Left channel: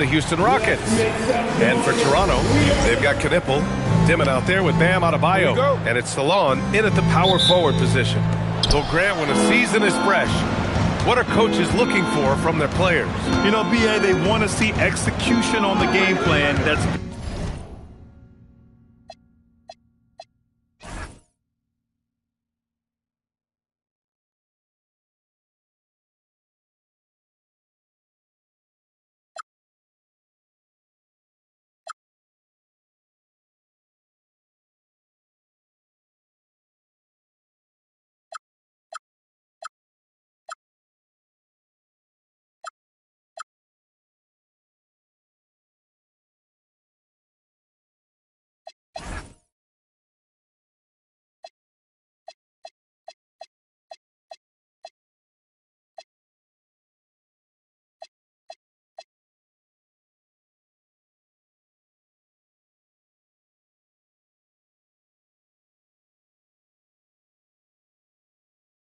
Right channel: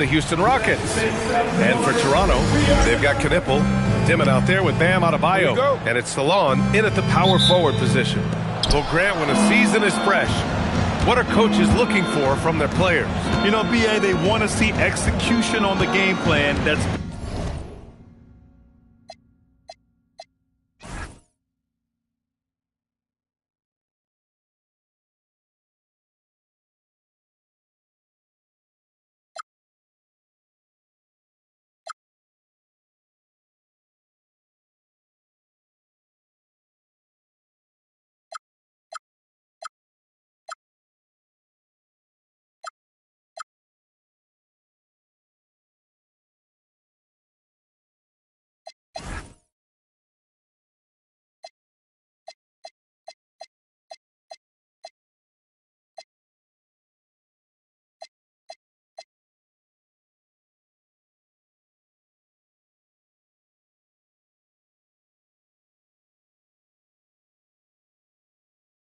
the Houston Rockets. And for Toronto, they've got Knipple, Dimon out there with Bam Adebayo. And it's Salon in at the power forward position. Well, Grant, when a season is fresh, what are coaches looking for from their players? You know, B.A., they want to see execution on the game plan. That's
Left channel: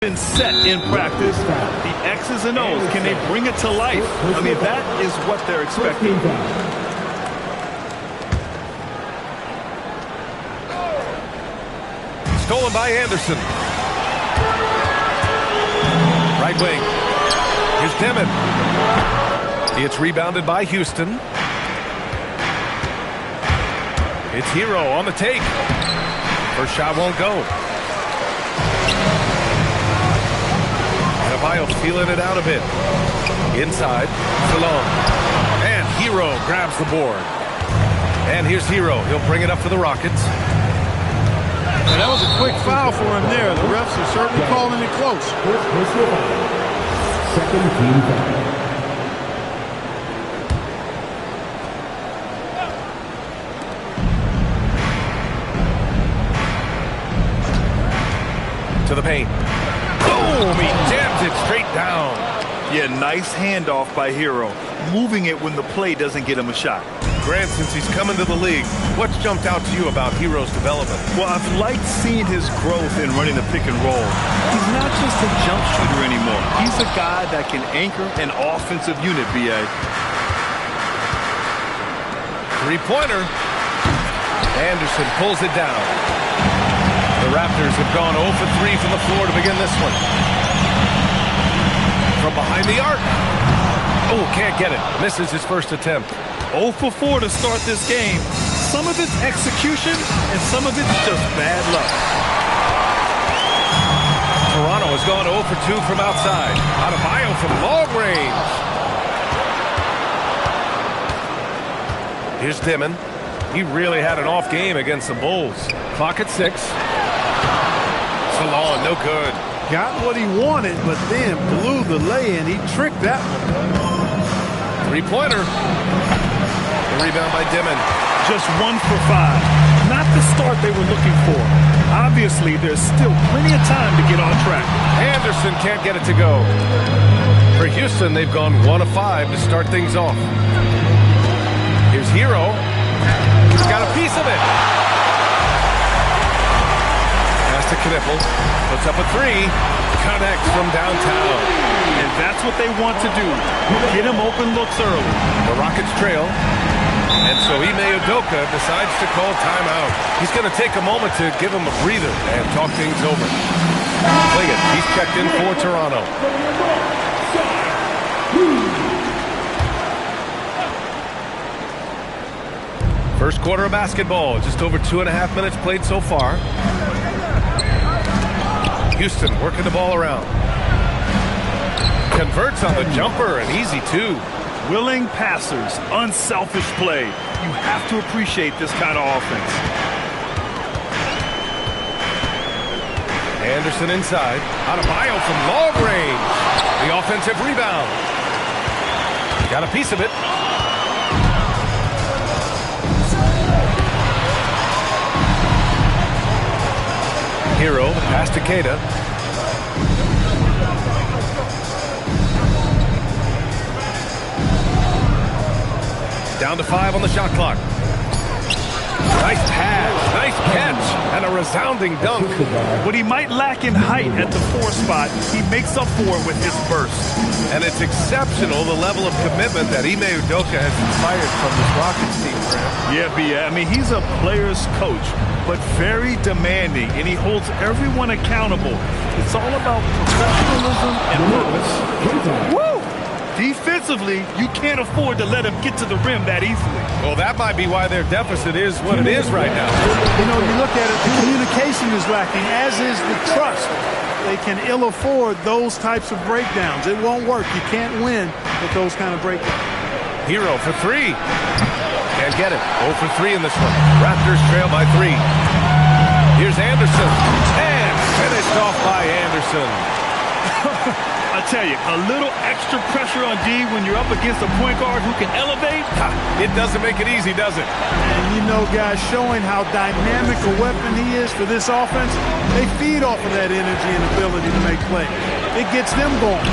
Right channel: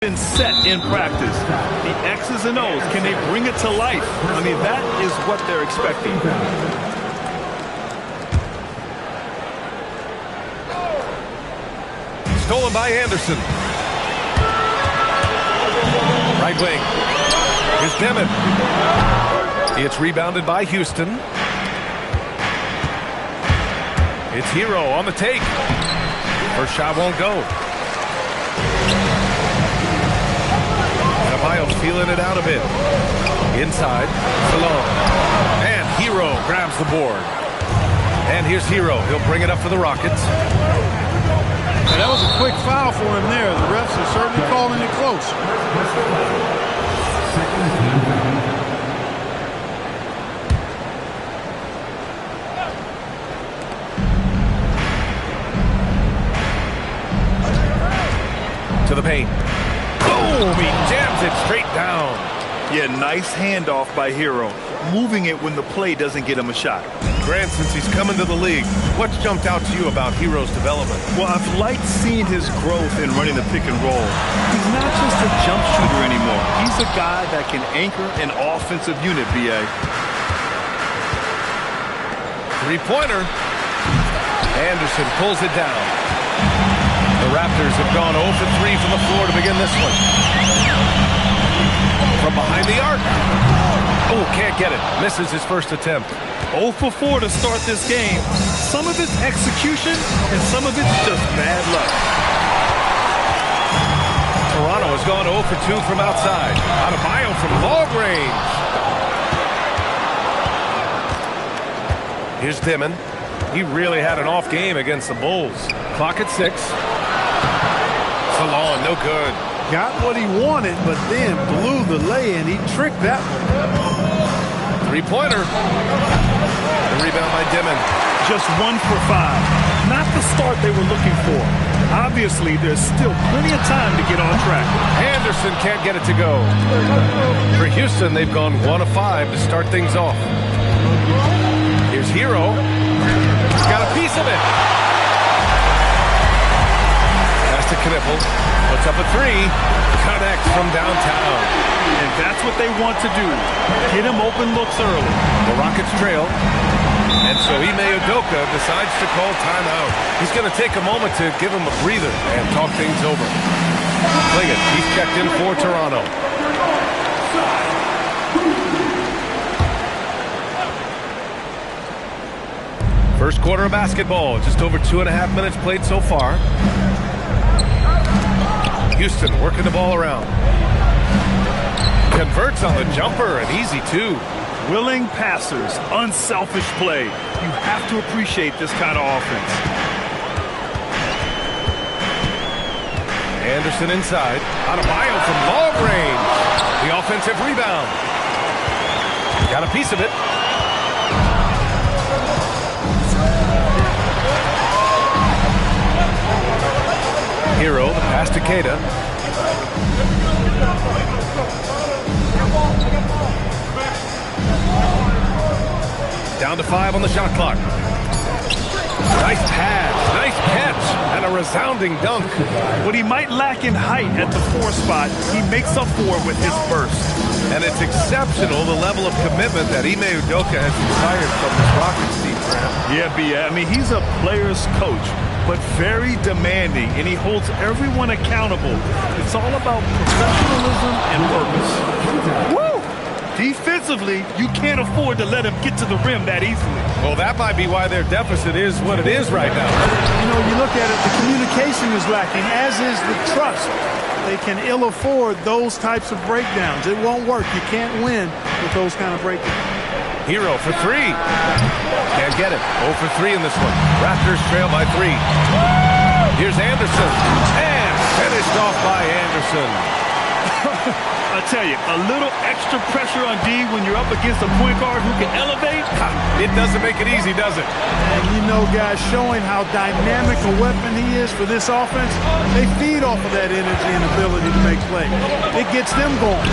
been set in practice. The X's and O's, can they bring it to life? I mean, that is what they're expecting. Stolen by Anderson. Right wing. Here's Dimon. It's rebounded by Houston. It's Hero on the take. First shot won't go. Adebayo feeling it out a bit. Inside, Salon. And Hero grabs the board. And here's Hero. He'll bring it up for the Rockets. And that was a quick foul for him there. The refs are certainly calling it close. Second team foul. To the paint. Boom! He jams it straight down. Yeah, nice handoff by Hero. Moving it when the play doesn't get him a shot. Grant, since he's come into the league, what's jumped out to you about Hero's development? Well, I've liked seeing his growth in running the pick and roll. He's not just a jump shooter anymore. He's a guy that can anchor an offensive unit, B.A. Three-pointer. Anderson pulls it down. The Raptors have gone 0 for 3 from the floor to begin this one. From behind the arc. Oh, can't get it. Misses his first attempt. 0 for 4 to start this game. Some of it's execution, and some of it's just bad luck. Toronto has gone 0 for 2 from outside. Adebayo from long range. Here's Dimon. He really had an off game against the Bulls. Clock at 6. Salon, no good. Got what he wanted, but then blew the lay-in. He tricked that one. Three-pointer. The rebound by Dimon. Just 1 for 5. Not the start they were looking for. Obviously, there's still plenty of time to get on track. Anderson can't get it to go. For Houston, they've gone 1 of 5 to start things off. Here's Hero. He's got a piece of it. Pass to Knipple. Puts up a 3. Connects from downtown. And that's what they want to do. Get him open looks early. The Rockets trail. And so Ime Udoka decides to call timeout. He's going to take a moment to give him a breather and talk things over. Liggett, he's checked in for Toronto. First quarter of basketball. Just over 2.5 minutes played so far. Houston working the ball around. Converts on the jumper, and easy too. Willing passers, unselfish play. You have to appreciate this kind of offense. Anderson inside. Adebayo from long range. The offensive rebound. Got a piece of it. Hero, the pass to Queta. Down to 5 on the shot clock. Nice pass, nice catch, and a resounding dunk. What he might lack in height at the 4 spot, he makes up for it with his burst. And it's exceptional, the level of commitment that Ime Udoka has inspired from this Rockets team, Graham. Yeah, B.A. I mean, he's a player's coach, but very demanding, and he holds everyone accountable. It's all about professionalism and purpose. Woo! Defensively, you can't afford to let him get to the rim that easily. Well, that might be why their deficit is what it is right now. You know, you look at it, the communication is lacking, as is the trust. They can ill afford those types of breakdowns. It won't work. You can't win with those kind of breakdowns. Hero for 3. Can't get it. 0 for 3 in this one. Raptors trail by 3. Here's Anderson. And finished off by Anderson. I tell you, a little extra pressure on D when you're up against a point guard who can elevate. It doesn't make it easy, does it? And you know, guys, showing how dynamic a weapon he is for this offense, they feed off of that energy and ability to make plays. It gets them going.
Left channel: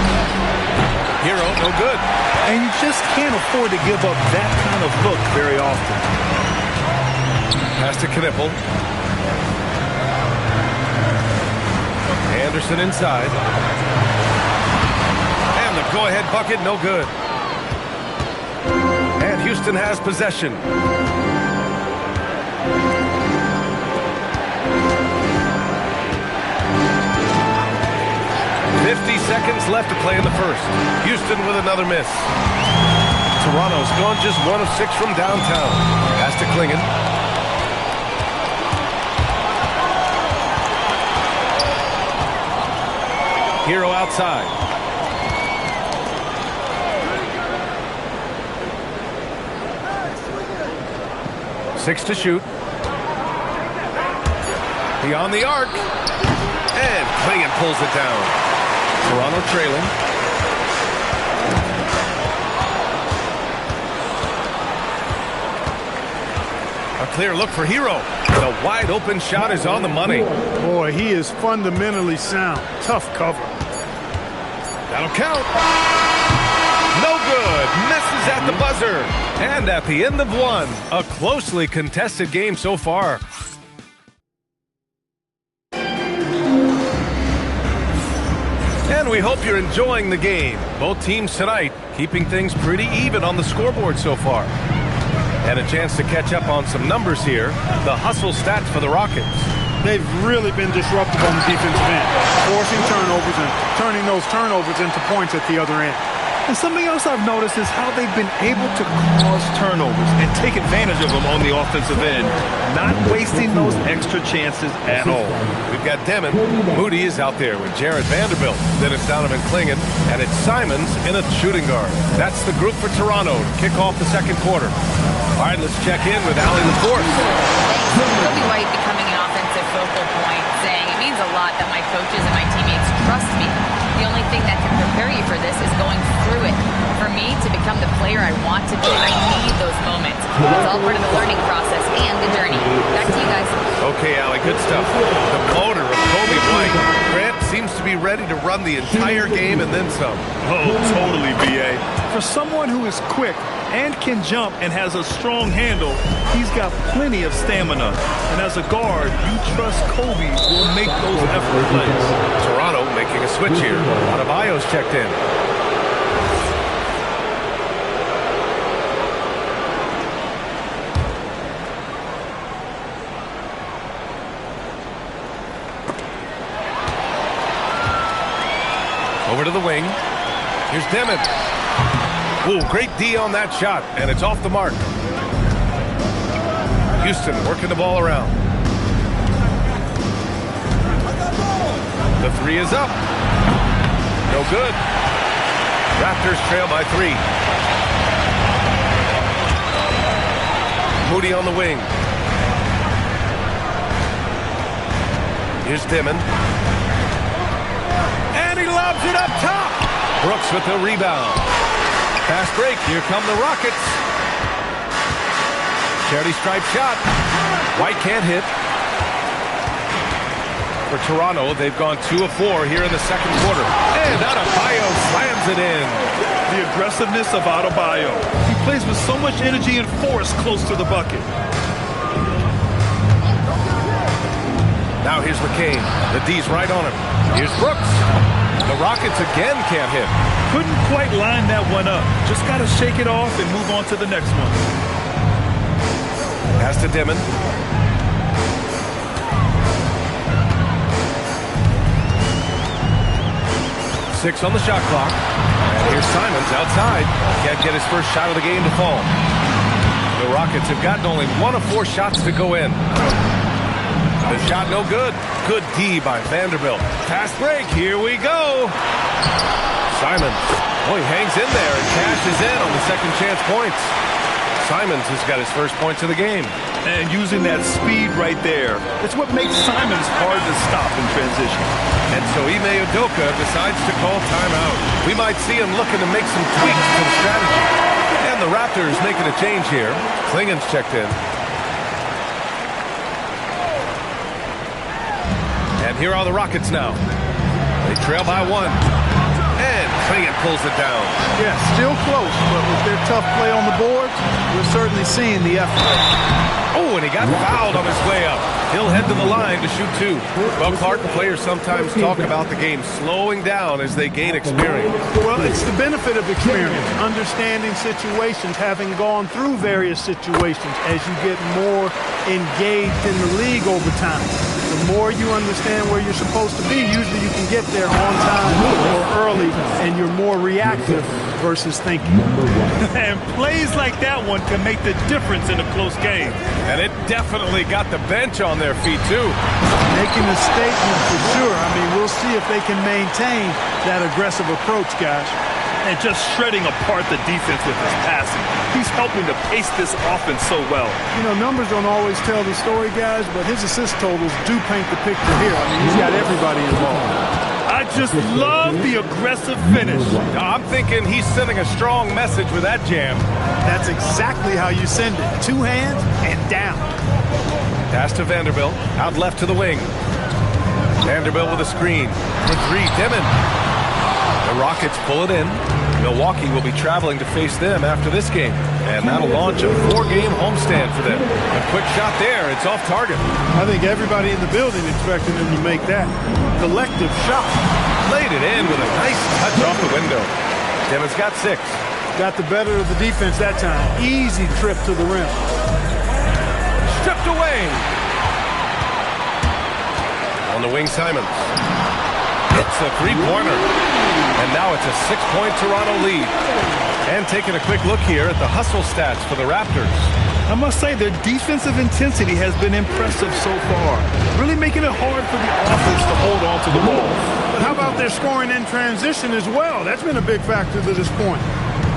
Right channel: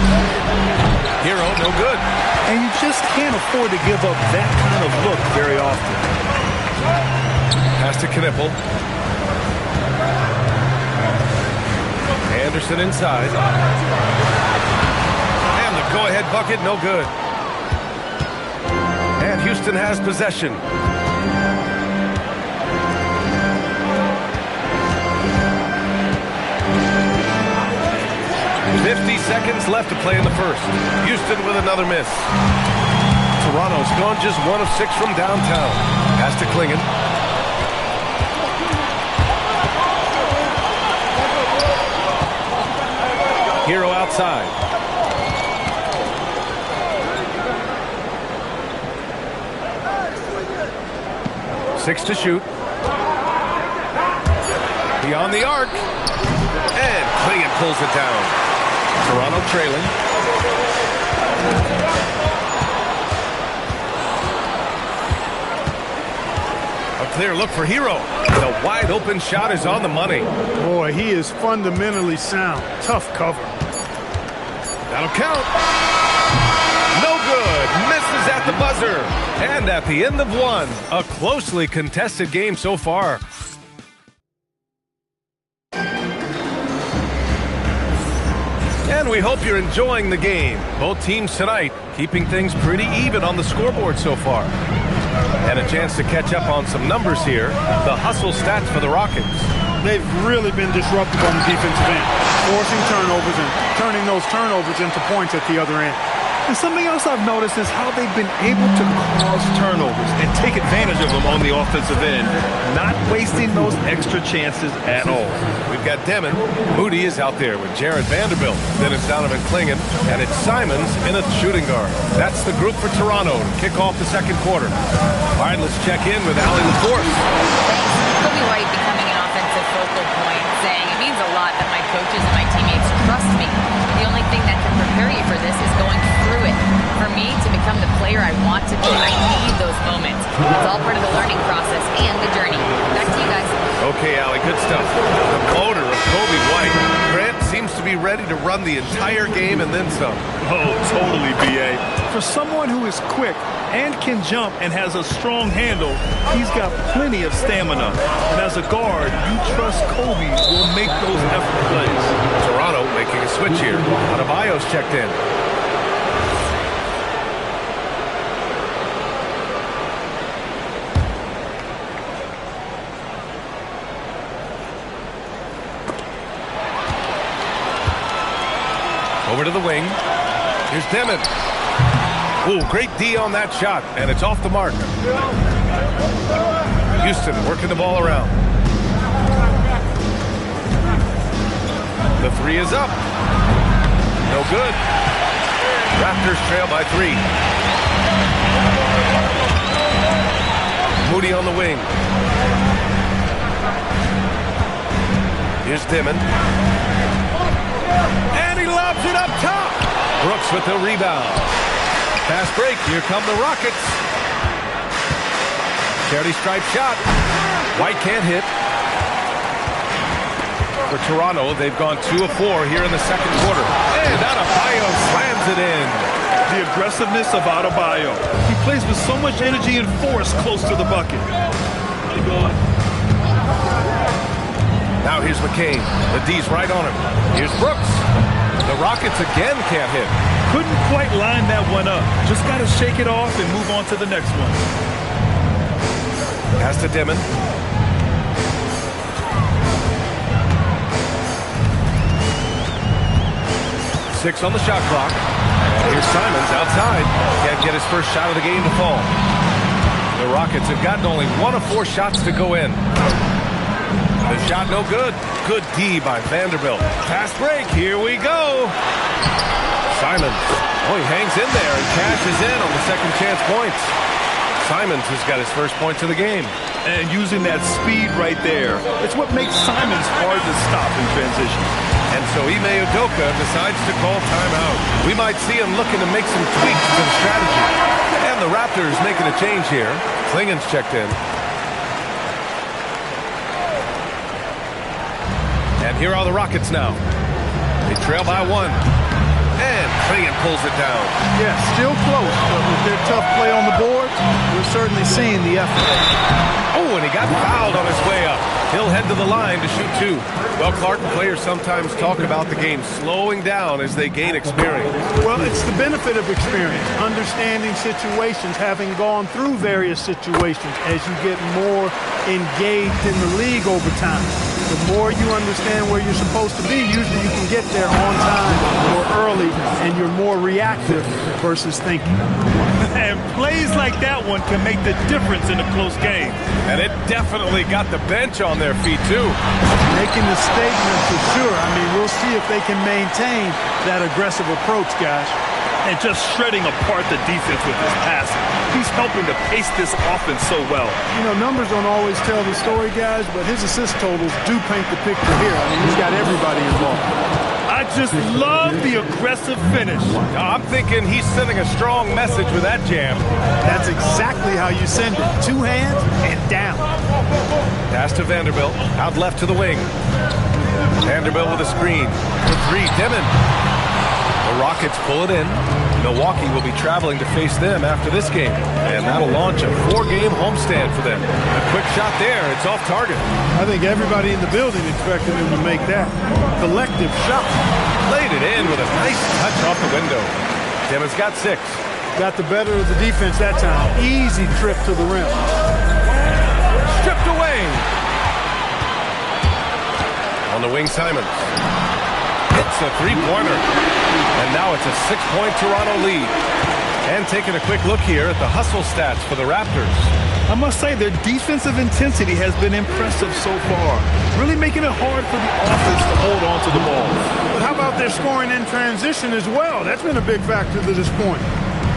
Hero, no good. And you just can't afford to give up that kind of look very often. Pass to Knipple. Anderson inside. And the go-ahead bucket, no good. And Houston has possession. .50 seconds left to play in the first. Houston with another miss. Toronto's gone just 1 of 6 from downtown. Pass to Klingon. Hero outside. Six to shoot. Beyond the arc. And Klingon pulls it down. Toronto trailing. A clear look for Hero. The wide open shot is on the money. Boy, he is fundamentally sound. Tough cover. That'll count. No good. Misses at the buzzer. And at the end of one, a closely contested game so far. And we hope you're enjoying the game. Both teams tonight keeping things pretty even on the scoreboard so far. And a chance to catch up on some numbers here. The hustle stats for the Rockets. They've really been disruptive on the defensive end, forcing turnovers and turning those turnovers into points at the other end. And something else I've noticed is how they've been able to cause turnovers and take advantage of them on the offensive end, not wasting those extra chances at all. We've got Demon. Moody is out there with Jared Vanderbilt. Then it's Donovan Klingon, and it's Simons in a shooting guard. That's the group for Toronto to kick off the second quarter. All right, let's check in with Allie LaForce. Thanks. Kobe White becoming an offensive focal point, saying it means a lot that my coaches and my teammates trust me. The only thing that can prepare you for this is going through it. For me to become the player I want to be, I need those moments. It's all part of the learning process and the journey. Back to you guys. Okay, Allie, good stuff. The motor of Kobe White. Grant seems to be ready to run the entire game and then some. Oh, totally, B.A. For someone who is quick and can jump and has a strong handle, he's got plenty of stamina. And as a guard, you trust Kobe will make those effort plays. Toronto making a switch here. Adebayo's checked in. Over to the wing. Here's Demon. Ooh, great D on that shot, and it's off the mark. Houston working the ball around. The three is up. No good. Raptors trail by 3. Moody on the wing. Here's Demon. And he lobs it up top. Brooks with the rebound. Fast break. Here come the Rockets. Charity stripe shot. White can't hit. For Toronto, they've gone 2 of 4 here in the second quarter. And Adebayo slams it in. The aggressiveness of Adebayo. He plays with so much energy and force close to the bucket. Now here's McCain. The D's right on him. Here's Brooks. The Rockets again can't hit. Couldn't quite line that one up. Just got to shake it off and move on to the next one. Pass to Dimon. Six on the shot clock. And here's Simons outside. Can't get his first shot of the game to fall. The Rockets have gotten only 1 of 4 shots to go in. The shot no good. Good D by Vanderbilt. Fast break. Here we go. Simons. Oh, he hangs in there and cashes in on the second chance points. Simons has got his first points of the game. And using that speed right there, it's what makes Simons hard to stop in transition. And so Ime Udoka decides to call timeout. We might see him looking to make some tweaks to the strategy. And the Raptors making a change here. Klingen's checked in. And here are the Rockets now. They trail by 1. And Klingen pulls it down. Yeah, still close, but with their tough play on the boards, we're certainly seeing the effort. Oh, and he got fouled on his way up. He'll head to the line to shoot 2. Well, Clark, players sometimes talk about the game slowing down as they gain experience. Well, it's the benefit of experience, understanding situations, having gone through various situations as you get more engaged in the league over time. The more you understand where you're supposed to be, usually you can get there on time or early, and you're more reactive versus thinking. And plays like that one can make the difference in a close game. And it definitely got the bench on their feet, too. Making a statement for sure. I mean, we'll see if they can maintain that aggressive approach, guys. And just shredding apart the defense with his passing. He's helping to pace this offense so well. You know, numbers don't always tell the story, guys, but his assist totals do paint the picture here. I mean, he's got everybody involved. I just love the aggressive finish. I'm thinking he's sending a strong message with that jam. That's exactly how you send it. 2 hands and down. Pass to Vanderbilt. Out left to the wing. Vanderbilt with a screen. For 3, Dimon. The Rockets pull it in. Milwaukee will be traveling to face them after this game. And that'll launch a 4-game homestand for them. A quick shot there. It's off target. I think everybody in the building expected him to make that. Collective shot. Laid it in with a nice touch off the window. Dimon's got 6. Got the better of the defense that time. Easy trip to the rim. Stripped away. On the wing, Simons. It's a 3-pointer. And now it's a 6-point Toronto lead. And taking a quick look here at the hustle stats for the Raptors. I must say their defensive intensity has been impressive so far. Really making it hard for the offense to hold on to the ball. But how about their scoring in transition as well? That's been a big factor to this point.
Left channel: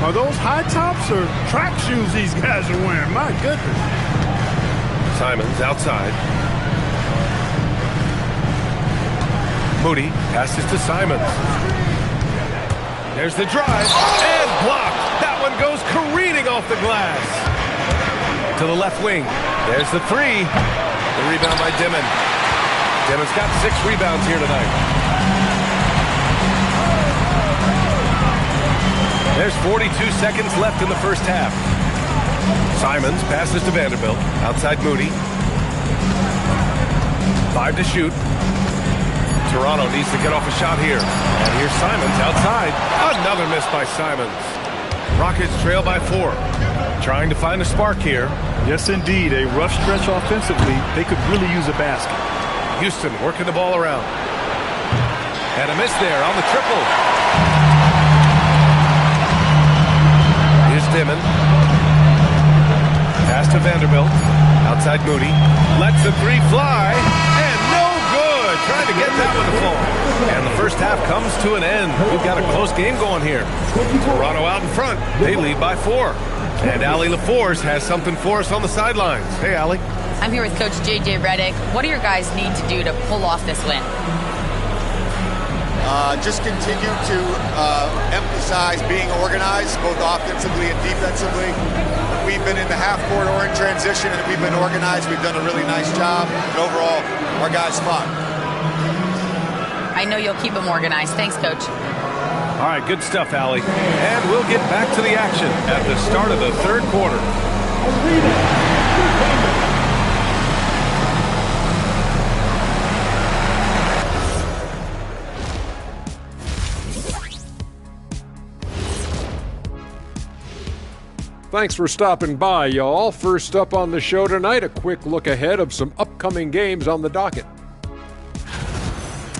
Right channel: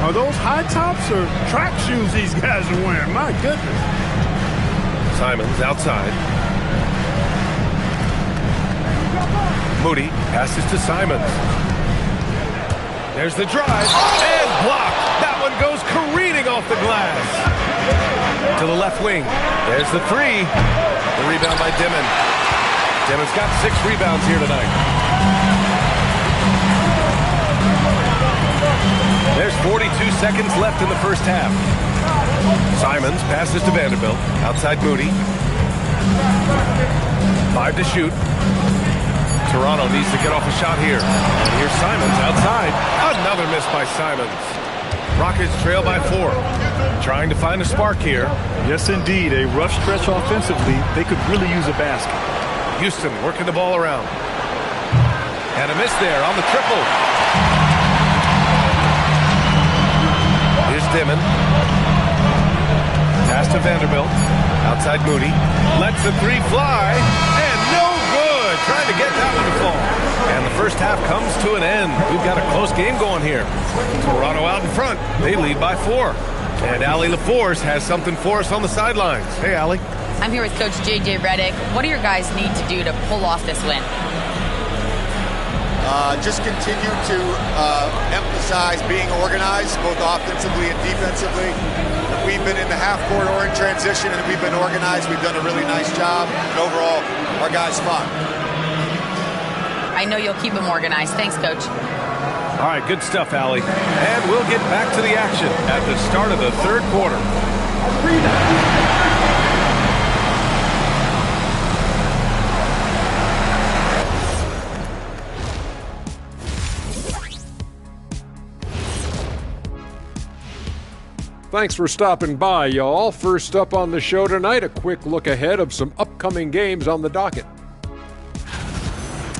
Are those high tops or track shoes these guys are wearing? My goodness. Simons outside. Moody passes to Simons. There's the drive, and blocked. That one goes careening off the glass. To the left wing. There's the 3. The rebound by Dimon. Dimon's got 6 rebounds here tonight. There's 42 seconds left in the first half. Simons passes to Vanderbilt. Outside Moody. 5 to shoot. Toronto needs to get off a shot here. And here's Simons outside. Another miss by Simons. Rockets trail by 4. Trying to find a spark here. Yes, indeed. A rough stretch offensively. They could really use a basket. Houston working the ball around. And a miss there on the triple. Here's Dimon. Pass to Vanderbilt. Outside Moody. Lets the 3 fly. And no good. Trying to get that one to fall. And the first half comes to an end. We've got a close game going here. Toronto out in front. They lead by 4. And Allie LaForce has something for us on the sidelines. Hey, Allie. I'm here with Coach J.J. Redick. What do your guys need to do to pull off this win? Just continue to emphasize being organized, both offensively and defensively. We've been in the half-court or in transition, and we've been organized. We've done a really nice job. And overall, our guys fun. I know you'll keep them organized. Thanks, Coach. All right, good stuff, Allie. And we'll get back to the action at the start of the third quarter. Thanks for stopping by, y'all. First up on the show tonight, a quick look ahead of some upcoming games on the docket.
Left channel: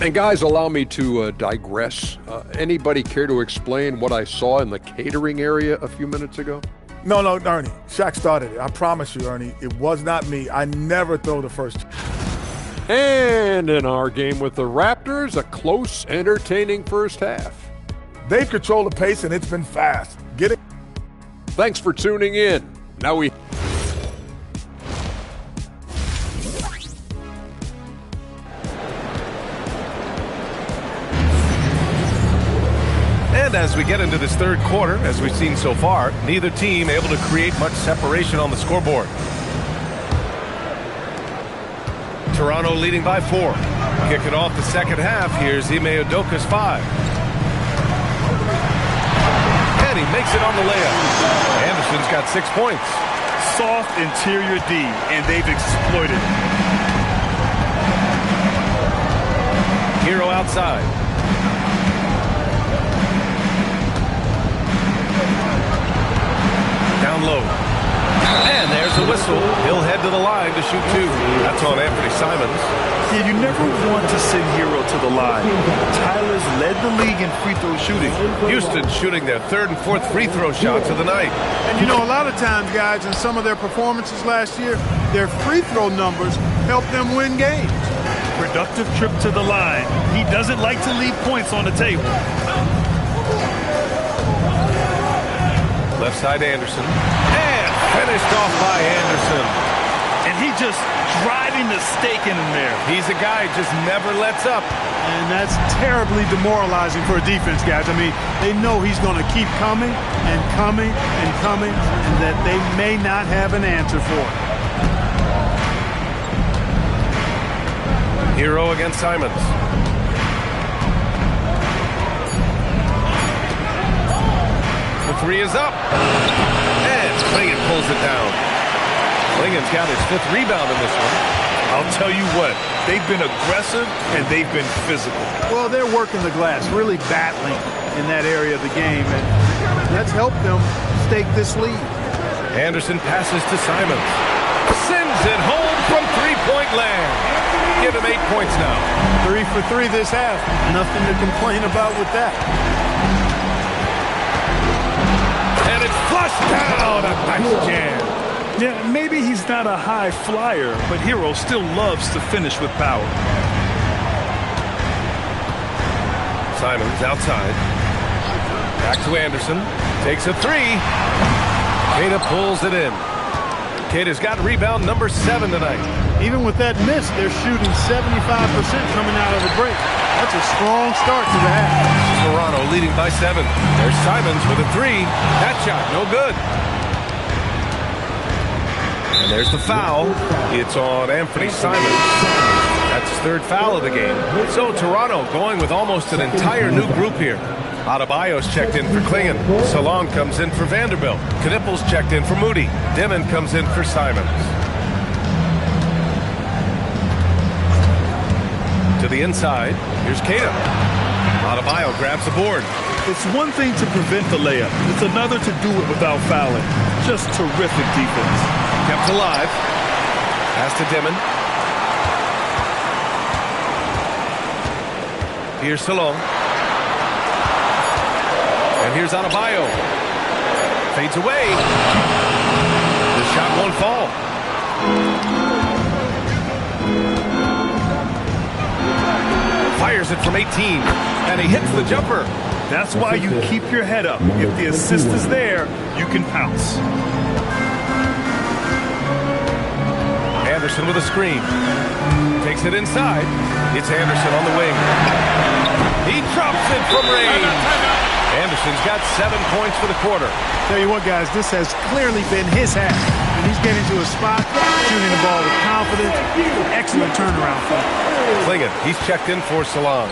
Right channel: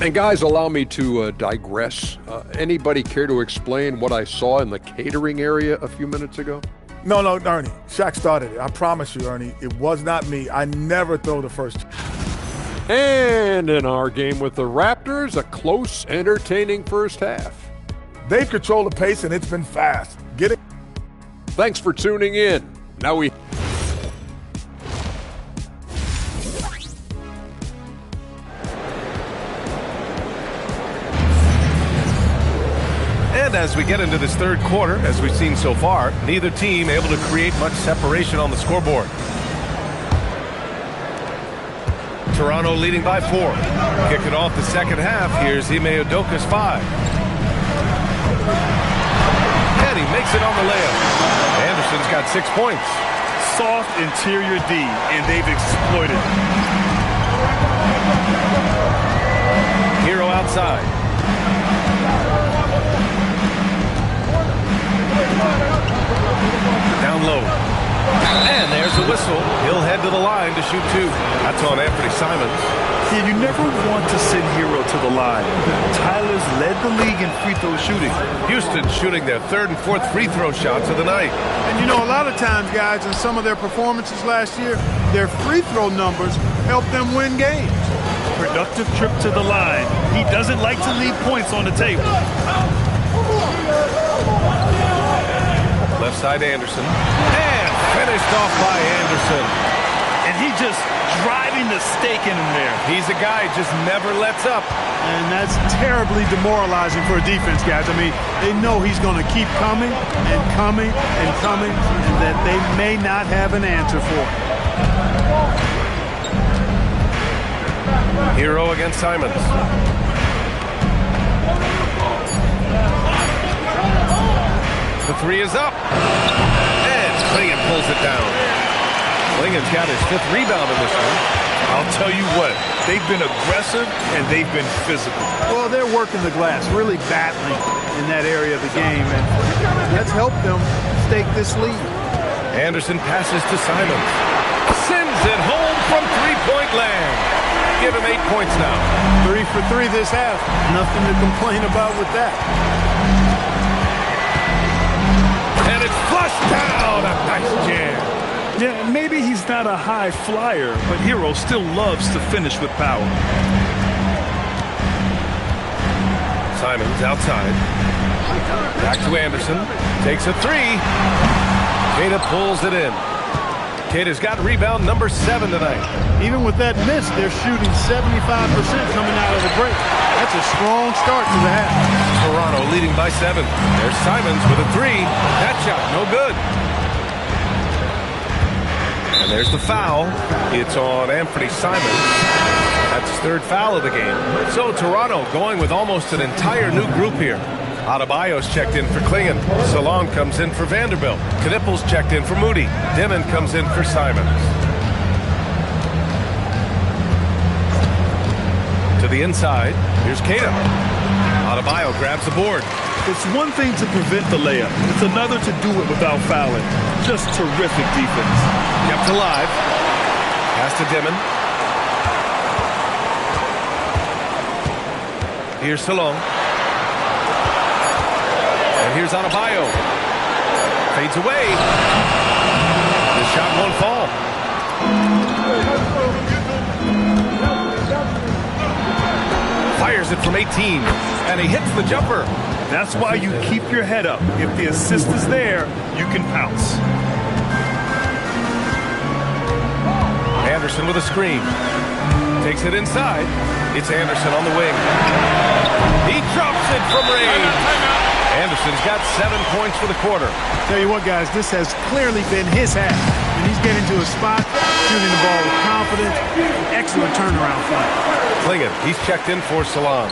And guys, allow me to digress. Anybody care to explain what I saw in the catering area a few minutes ago? No, Ernie. Shaq started it. I promise you, Ernie. It was not me. I never throw the first. And in our game with the Raptors, a close, entertaining first half. They've controlled the pace, and it's been fast. Get it? Thanks for tuning in. Now we... And as we get into this third quarter, as we've seen so far, neither team able to create much separation on the scoreboard. Toronto leading by 4. Kicking off the second half, here's Ime Udoka's 5. And he makes it on the layup. Anderson's got 6 points. Soft interior D, and they've exploited it. Hero outside. Down low. And there's the whistle. He'll head to the line to shoot 2. That's on Anthony Simons. Yeah, you never want to send Hero to the line. Tyler's led the league in free throw shooting. Houston shooting their 3rd and 4th free throw shots of the night. And you know, a lot of times, guys, in some of their performances last year, their free throw numbers helped them win games. Productive trip to the line. He doesn't like to leave points on the table. Left side Anderson. And finished off by Anderson. And he just driving the stake in him there. He's a guy who just never lets up. And that's terribly demoralizing for a defense, guys. I mean, they know he's going to keep coming and coming and coming, and that they may not have an answer for it. Hero against Simons. The 3 is up. And Clingan pulls it down. Clingan's got his 5th rebound in this one. I'll tell you what, they've been aggressive and they've been physical. Well, they're working the glass, really battling in that area of the game, and that's helped them stake this lead. Anderson passes to Simons. Sends it home from three-point land. Give him 8 points now. 3 for 3 this half. Nothing to complain about with that. And it's flushed down. A nice jam. Yeah, maybe he's not a high flyer, but Hero still loves to finish with power. Simons outside. Back to Anderson. Takes a 3. Queta pulls it in. Queta's got rebound number 7 tonight. Even with that miss, they're shooting 75% coming out of the break. That's a strong start to the half. Toronto leading by 7. There's Simons with a 3. That shot, no good. And there's the foul. It's on Anthony Simons. That's his 3rd foul of the game. So Toronto going with almost an entire new group here. Adebayo's checked in for Clingan. Salon comes in for Vanderbilt. Knippel's checked in for Moody. Dimon comes in for Simons. To the inside. Here's Queta. Adebayo grabs the board. It's one thing to prevent the layup. It's another to do it without fouling. Just terrific defense. Kept alive. Pass to Dimon. Here's Salon. And here's Adebayo. Fades away. The shot won't fall. Fires it from 18. And he hits the jumper. That's why you keep your head up. If the assist is there, you can pounce. Anderson with a screen. Takes it inside. It's Anderson on the wing. He drops it from range. Anderson's got 7 points for the quarter. Tell you what, guys, this has clearly been his half. And he's getting to a spot, shooting the ball with confidence. Excellent turnaround for him. Clingan, he's checked in for Salon.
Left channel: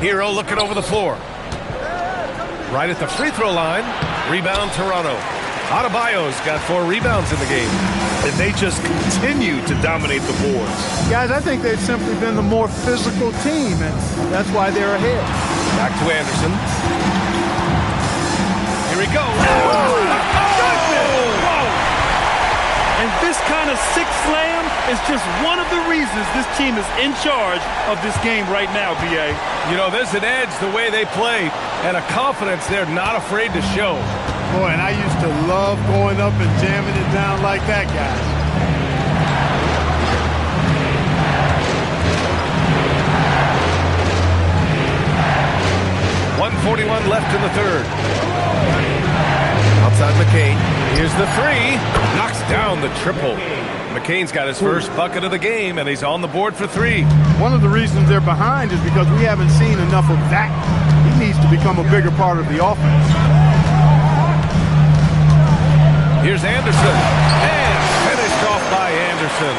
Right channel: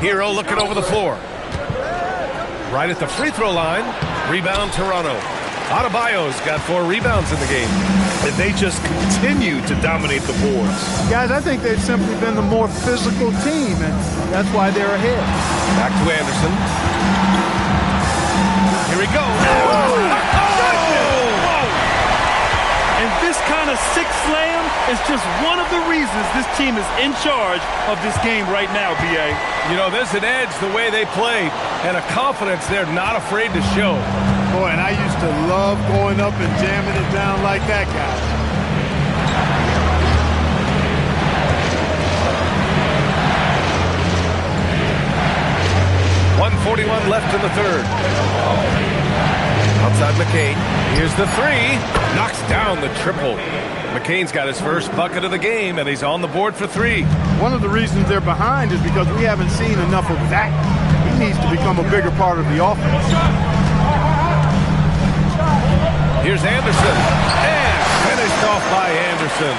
Hero looking over the floor. Right at the free throw line. Rebound Toronto. Adebayo's got 4 rebounds in the game. And they just continue to dominate the boards. Guys, I think they've simply been the more physical team, and that's why they're ahead. Back to Anderson. Here he goes. And this kind of sick slam is just one of the reasons this team is in charge of this game right now, B.A. You know, there's an edge the way they play and a confidence they're not afraid to show. Boy, and I used to love going up and jamming it down like that, guys. .141 left in the third. Outside McCain. Here's the three. Knocks down the triple. McCain's got his first bucket of the game, and he's on the board for three. One of the reasons they're behind is because we haven't seen enough of that. He needs to become a bigger part of the offense. Here's Anderson. And finished off by Anderson.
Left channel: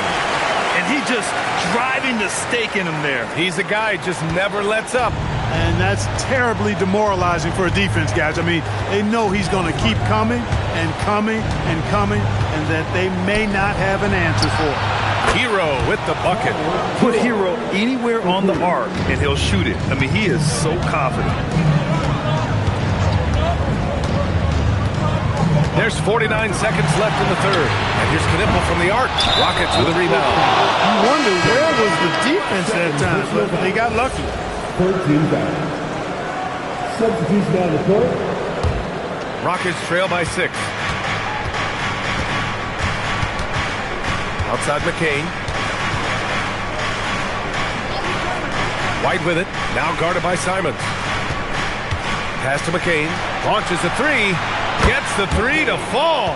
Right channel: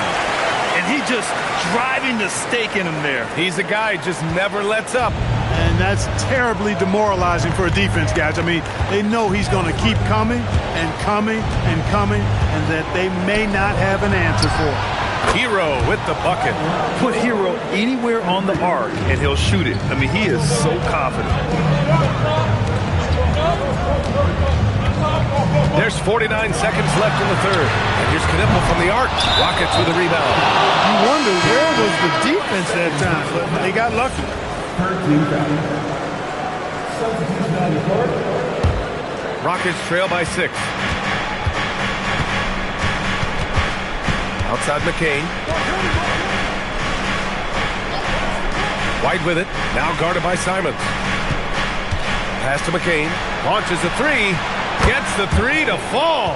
And he just driving the stake in him there. He's a guy who just never lets up. And that's terribly demoralizing for a defense, guys. I mean, they know he's going to keep coming and coming and coming, and that they may not have an answer for it. Hero with the bucket. Put Hero anywhere on the arc, and he'll shoot it. I mean, he is so confident. There's 49 seconds left in the third. And here's Knipple from the arc. Rockets with a rebound. You wonder where was the defense that time, but they got lucky. 13 foul. Substitution on the court. Rockets trail by 6. Outside McCain. White with it. Now guarded by Simons. Pass to McCain. Launches the three. Gets the three to fall.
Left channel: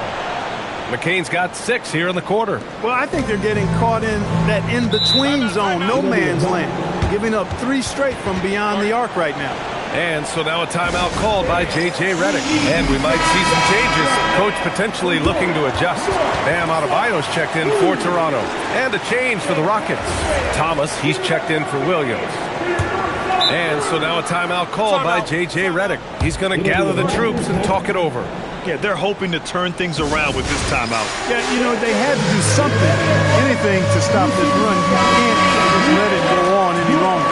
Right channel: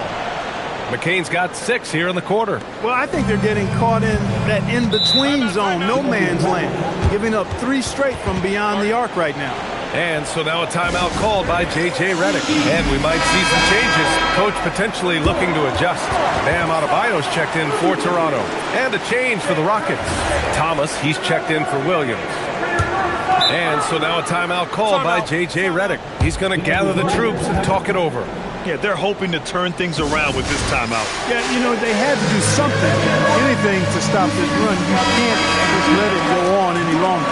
McCain's got 6 here in the quarter. Well, I think they're getting caught in that in-between zone, no man's land, giving up 3 straight from beyond the arc right now. And so now a timeout called by J.J. Redick. And we might see some changes. Coach potentially looking to adjust. Bam Adebayo's checked in for Toronto. And a change for the Rockets. Thomas, he's checked in for Williams. And so now a timeout called by J.J. Redick. He's going to gather the troops and talk it over. Yeah, they're hoping to turn things around with this timeout. Yeah, you know, they had to do something, anything to stop this run. You can't just let it go on any longer.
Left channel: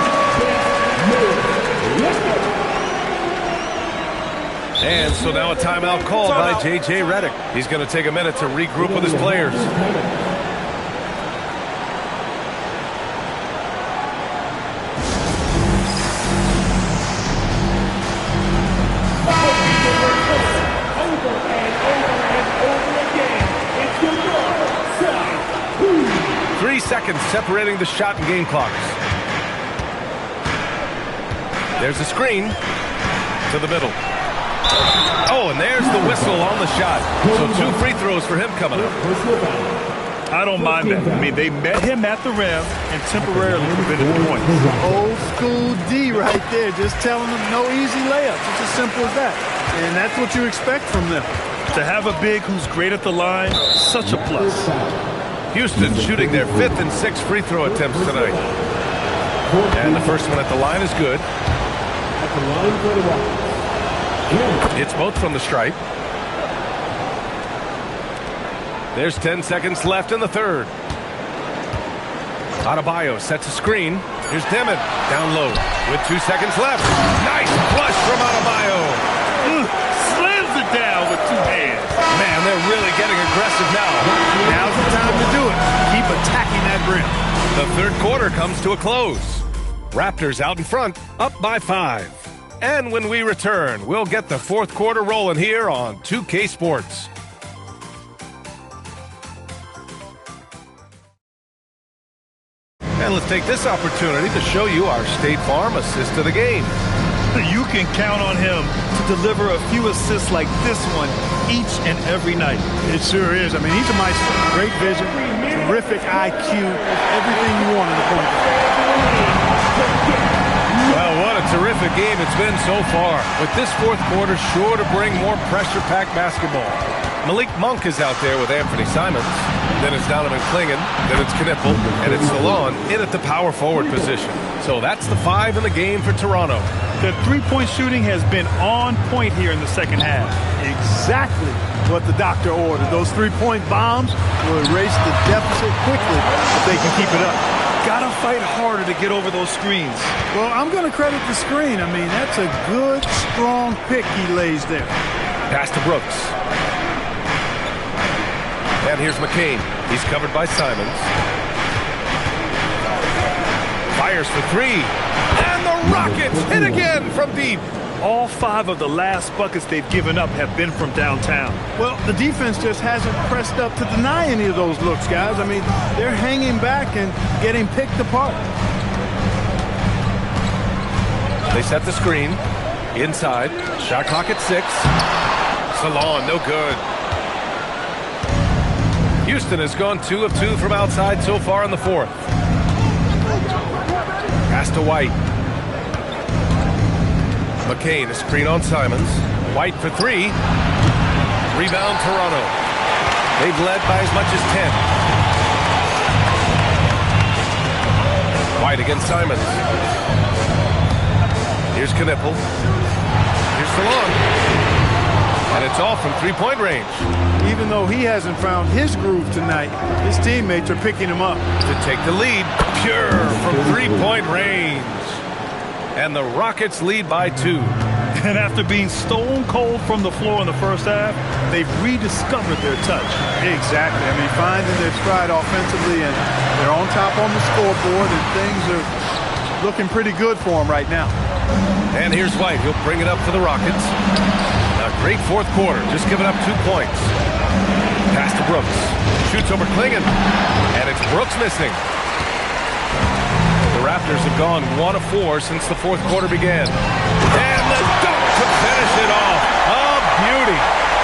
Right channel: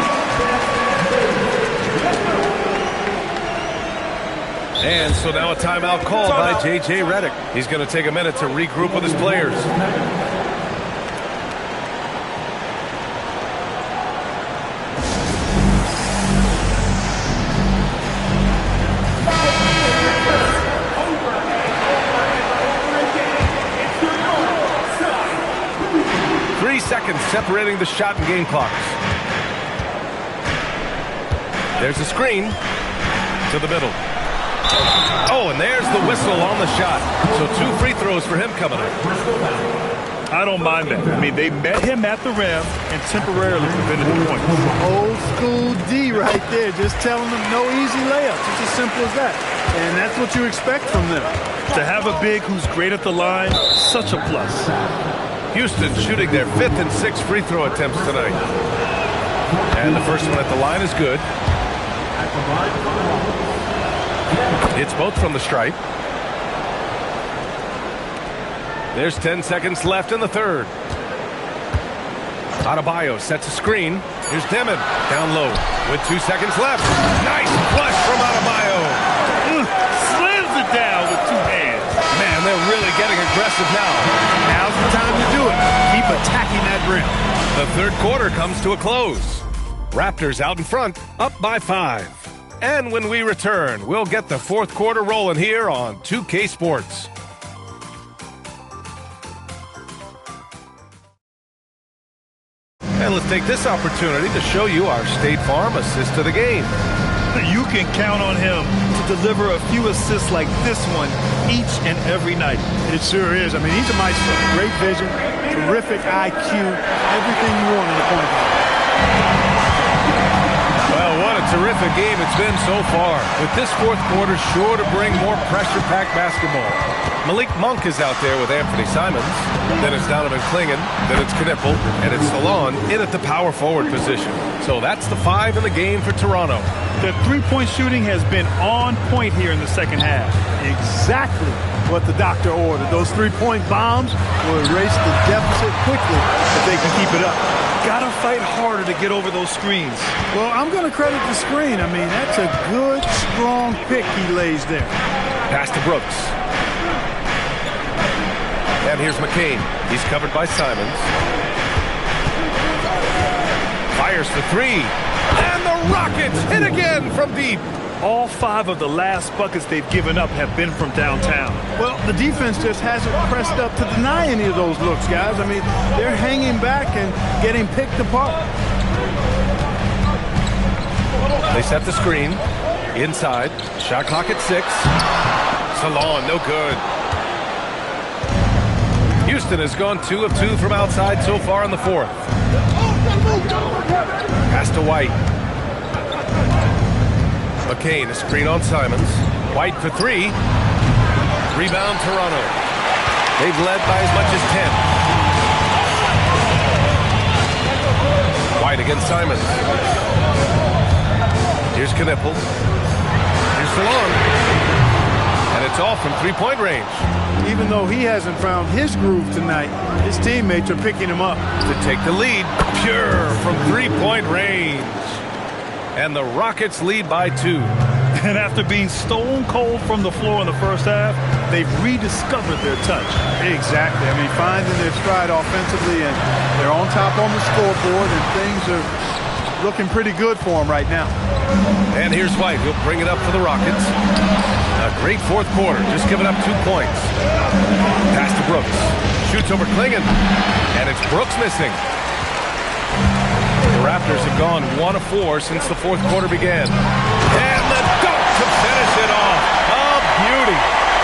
And so now a timeout called by J.J. Redick. He's going to take a minute to regroup with his players. Seconds separating the shot and game clocks. There's a screen to the middle. Oh, and there's the whistle on the shot. So 2 free throws for him coming up. I don't mind that. I mean, they met him at the rim and temporarily prevented the points. Old school D right there, just telling them no easy layups. It's as simple as that. And that's what you expect from them. To have a big who's great at the line, such a plus. Houston shooting their 5th and 6th free throw attempts tonight. And the first one at the line is good. It's both from the stripe. There's 10 seconds left in the third. Adebayo sets a screen. Here's Demon down low with 2 seconds left. Nice flush from Adebayo. Slams it down with 2 hands. Man, they're really getting aggressive now. Now's the time to do it. Keep attacking that rim. The third quarter comes to a close. Raptors out in front, up by 5. And when we return, we'll get the fourth quarter rolling here on 2K Sports. And let's take this opportunity to show you our State Farm assist of the game. You can count on him to deliver a few assists like this one each and every night. It sure is. I mean, he's a maestro. Great vision, terrific IQ, everything you want in a point guard. Well, what a terrific game it's been so far. With this fourth quarter sure to bring more pressure-packed basketball. Malik Monk is out there with Anthony Simons. Then it's Donovan Clingan. Then it's Knipple. And it's Salon in at the power forward position. So that's the 5 in the game for Toronto. The three-point shooting has been on point here in the second half. Exactly what the doctor ordered. Those three-point bombs will erase the deficit quickly if they can keep it up. Gotta fight harder to get over those screens. Well, I'm going to credit the screen. I mean, that's a good, strong pick he lays there. Pass to Brooks. And here's McCain. He's covered by Simons. Fires for three. And the Rockets hit again from deep. All 5 of the last buckets they've given up have been from downtown. Well, the defense just hasn't pressed up to deny any of those looks, guys. I mean, they're hanging back and getting picked apart. They set the screen. Inside. Shot clock at 6. Salon, no good. Houston has gone 2 of 2 from outside so far in the 4th. Pass to White. McCain, a screen on Simons. White for 3. Rebound, Toronto. They've led by as much as 10. White against Simons. Here's Knipple. Here's Salon. And it's all from three-point range. Even though he hasn't found his groove tonight, his teammates are picking him up. To take the lead, Pure from three-point range. And the Rockets lead by 2. And after being stone cold from the floor in the first half, they've rediscovered their touch. Exactly. I mean, finding their stride offensively, and they're on top on the scoreboard, and things are looking pretty good for them right now. And here's White. He'll bring it up for the Rockets. A great 4th quarter. Just giving up 2 points. Pass to Brooks. Shoots over Klingon. And it's Brooks missing. The Raptors have gone 1 of 4 since the 4th quarter began. And the dunk to finish it off. A beauty.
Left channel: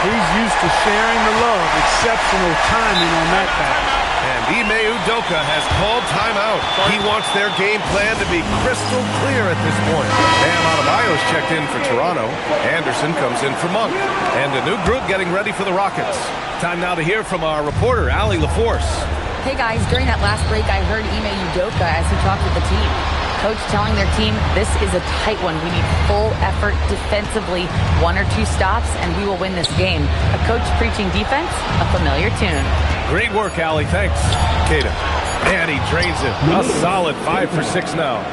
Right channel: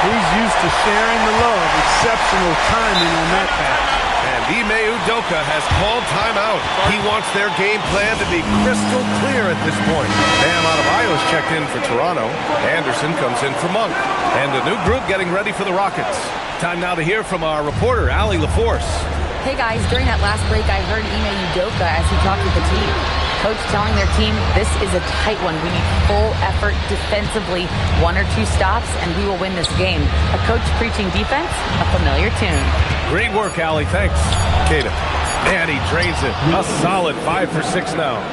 He's used to sharing the love. Exceptional timing on that pass. And Ime Udoka has called timeout. He wants their game plan to be crystal clear at this point. Bam Adebayo's checked in for Toronto. Anderson comes in for Monk. And a new group getting ready for the Rockets. Time now to hear from our reporter, Allie LaForce. Hey guys, during that last break, I heard Ime Udoka as he talked with the team. Coach telling their team, this is a tight one. We need full effort defensively, 1 or 2 stops, and we will win this game. A coach preaching defense, a familiar tune. Great work, Allie. Thanks. Kata. And he drains it. A solid 5 for 6 now.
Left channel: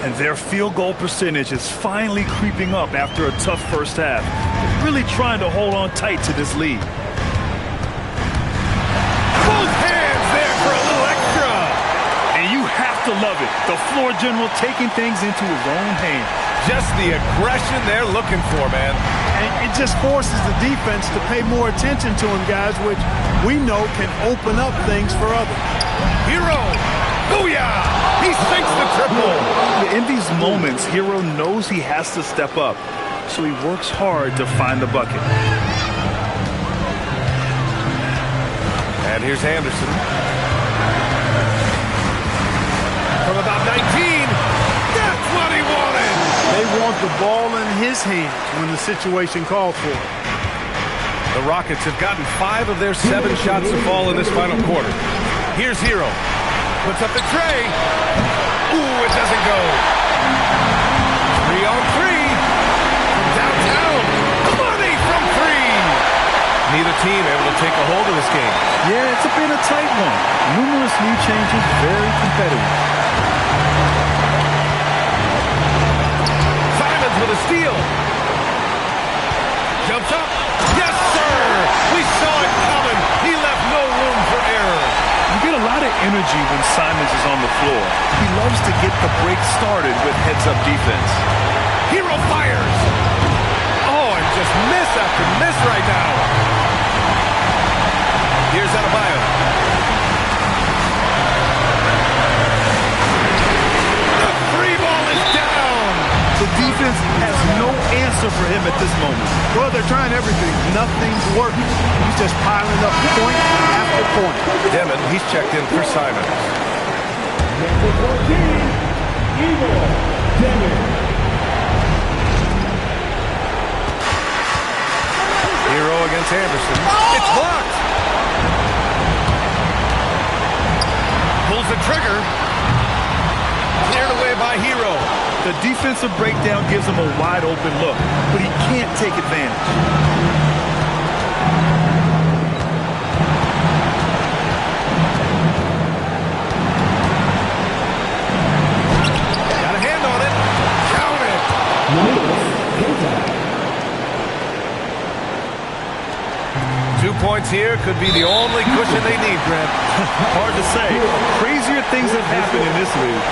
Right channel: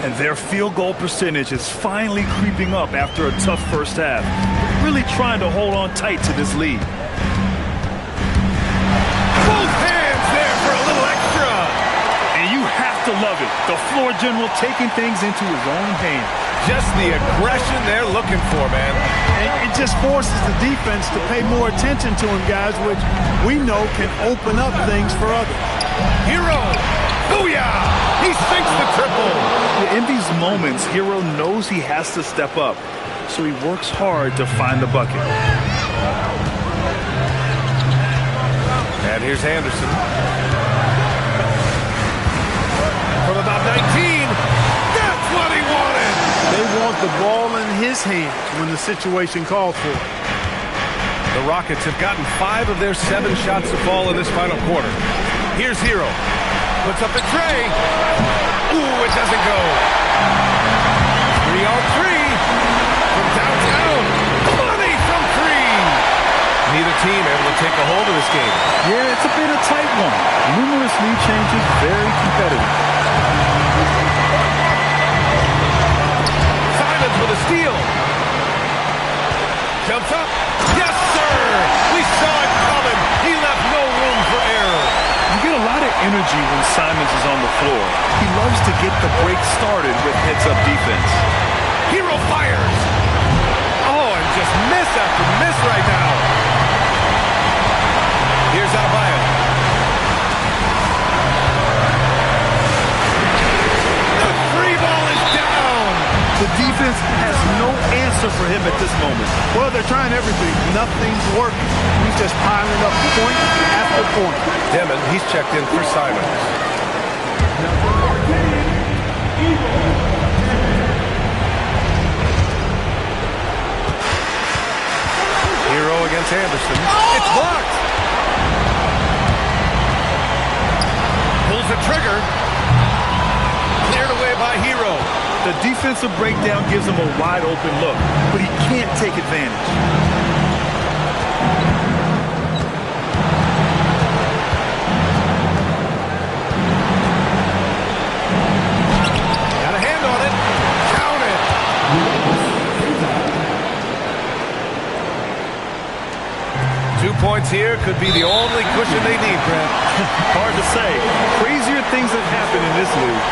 And their field goal percentage is finally creeping up after a tough first half. They're really trying to hold on tight to this lead. Both hands there for a little extra. And you have to love it. The floor general taking things into his own hands. Just the aggression they're looking for, man. And it just forces the defense to pay more attention to him, guys, which we know can open up things for others. Hero! Booyah! He sinks the triple. Yeah, in these moments, Hero knows he has to step up, so he works hard to find the bucket. And here's Anderson. From about 19, that's what he wanted. They want the ball in his hands when the situation calls for it. The Rockets have gotten 5 of their 7 shots to fall in this final quarter. Here's Hero. Puts up the tray. Ooh, it doesn't go. 3 on 3 from downtown. Money from 3. Neither team able to take a hold of this game. Yeah, it's been a tight one. Numerous lead changes, very competitive. Simons with a steal. Jumps up. Yes, sir! We saw it coming. He left no room for error. You get a lot of energy when Simons is on the floor. He loves to get the break started with heads-up defense. Hero fires. Oh, and just miss after miss right now. Here's Adebayo. The 3 ball is down. The defense has no answer for him at this moment. Well, they're trying everything. Nothing's working. He's just piling up point after point. Demon, he's checked in for Simons. Hero against Anderson. It's blocked. Pulls the trigger. Cleared away by Hero. The defensive breakdown gives him a wide open look, but he can't take advantage. Got a hand on it. Count it. 2 points here could be the only cushion they need, Grant. Hard to say. Crazier things have happened in this league.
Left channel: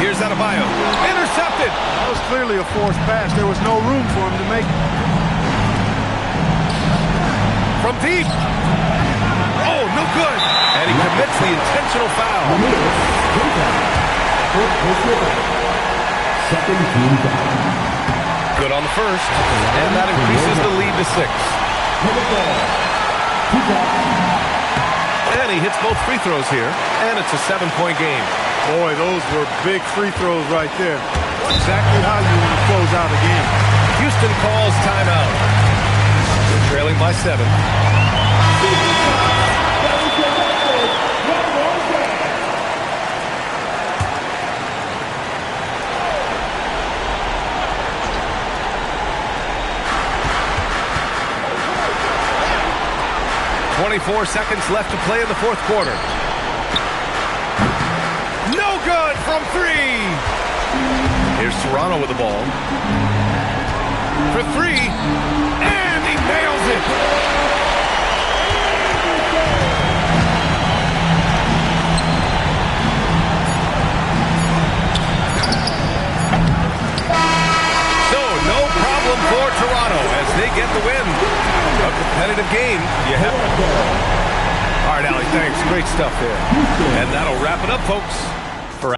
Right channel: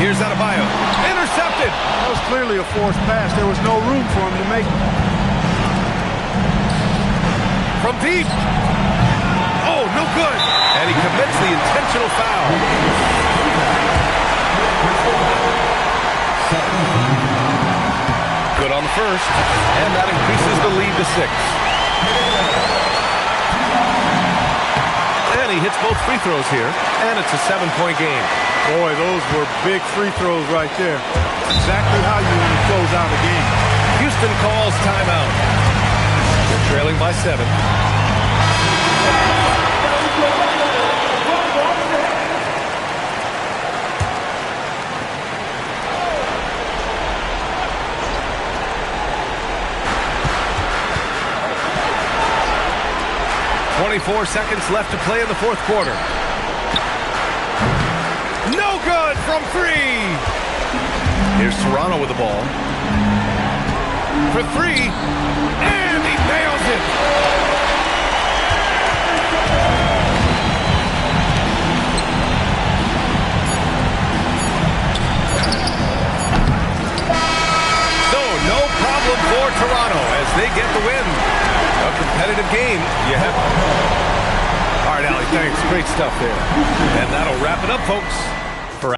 Here's Adebayo. Intercepted. That was clearly a forced pass. There was no room for him to make it. From deep. Oh, no good. And he commits the intentional foul. Good on the first. And that increases the lead to 6. And he hits both free throws here. And it's a 7-point game. Boy, those were big free throws right there. Exactly how you want to close out a game. Houston calls timeout. They're trailing by 7. .24 seconds left to play in the fourth quarter. No good from 3. Here's Toronto with the ball. For 3. And he nails it. So, no problem for Toronto as they get the win. A competitive game. You have. All right, Allie, thanks. Great stuff there. And that'll wrap it up, folks. For